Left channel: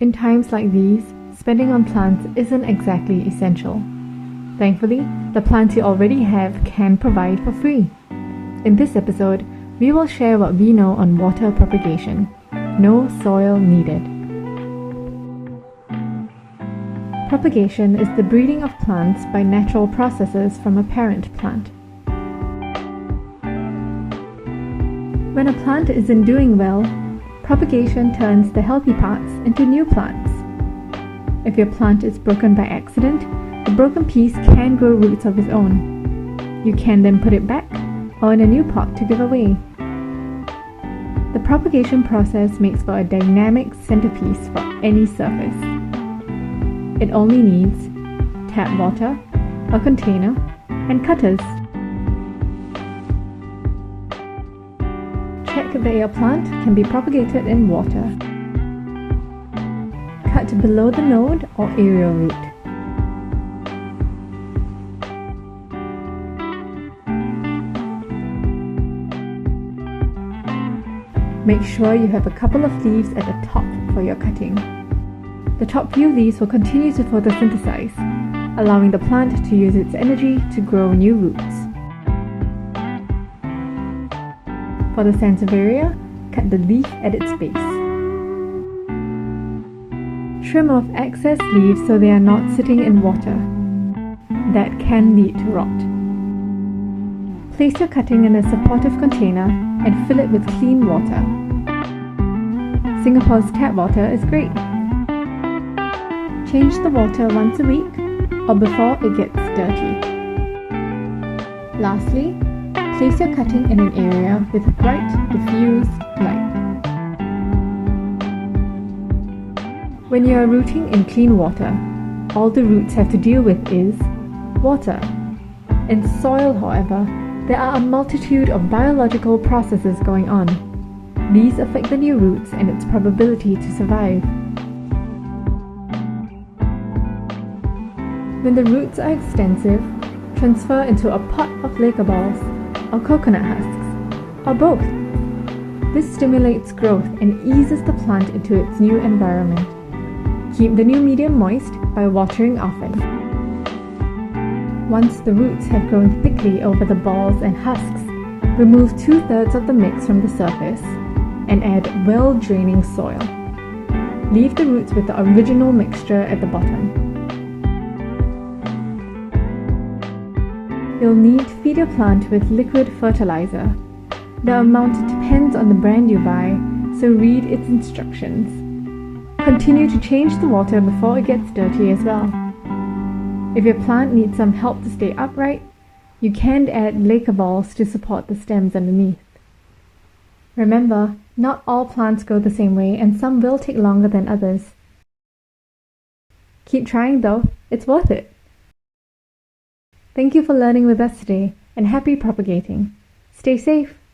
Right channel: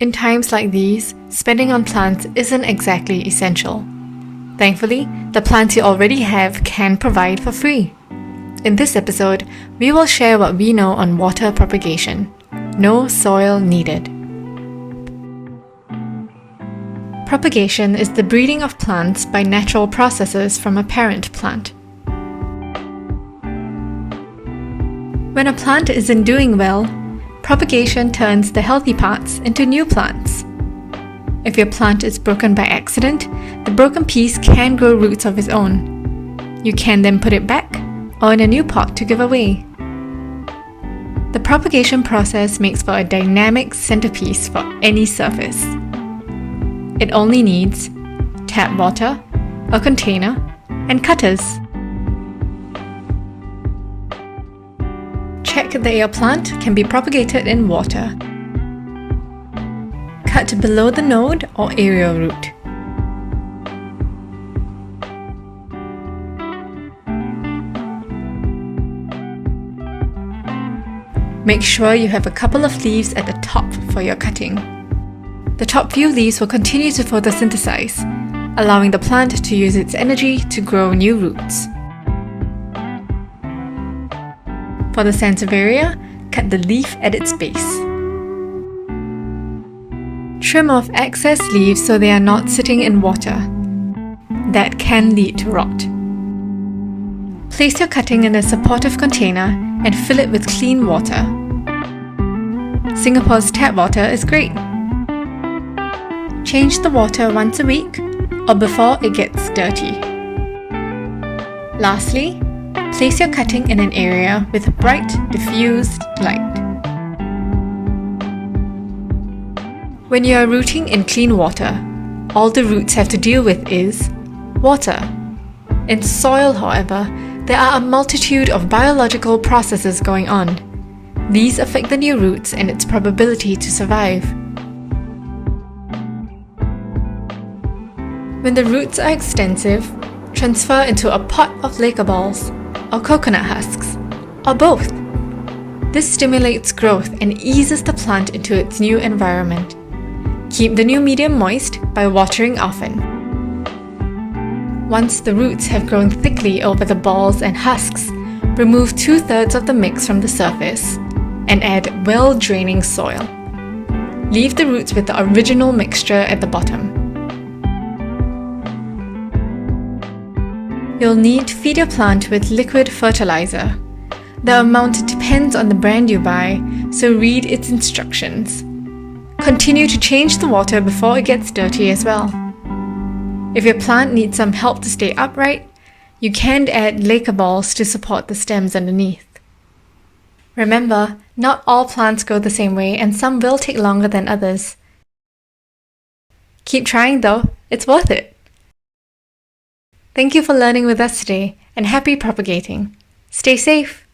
In times like these, spending on plants isn't exactly essential. Thankfully, the plants you already have can provide for free. In this episode, we will share what we know on water propagation. No soil needed. Propagation is the breeding of plants by natural processes from a parent plant. When a plant isn't doing well, propagation turns the healthy parts into new plants. If your plant is broken by accident, the broken piece can grow roots of its own. You can then put it back or in a new pot to give away. The propagation process makes for a dynamic centerpiece for any surface. It only needs tap water, a container, and cutters. Check that your plant can be propagated in water. Cut below the node or aerial root. Make sure you have a couple of leaves at the top for your cutting. The top few leaves will continue to photosynthesize, allowing the plant to use its energy to grow new roots. For the sansevieria, cut the leaf at its base. Trim off excess leaves so they are not sitting in water. That can lead to rot. Place your cutting in a supportive container and fill it with clean water. Singapore's tap water is great. Change the water once a week or before it gets dirty. Lastly, place your cutting in an area with bright, diffused light. When you are rooting in clean water, all the roots have to deal with is water. In soil, however, there are a multitude of biological processes going on. These affect the new roots and its probability to survive. When the roots are extensive, transfer into a pot of Laker balls, or coconut husks, or both. This stimulates growth and eases the plant into its new environment. Keep the new medium moist by watering often. Once the roots have grown thickly over the balls and husks, remove 2/3 of the mix from the surface and add well-draining soil. Leave the roots with the original mixture at the bottom. You'll need to feed your plant with liquid fertilizer. The amount depends on the brand you buy, so read its instructions. Continue to change the water before it gets dirty as well. If your plant needs some help to stay upright, you can add Laker balls to support the stems underneath. Remember, not all plants grow the same way and some will take longer than others. Keep trying though, it's worth it. Thank you for learning with us today and happy propagating. Stay safe.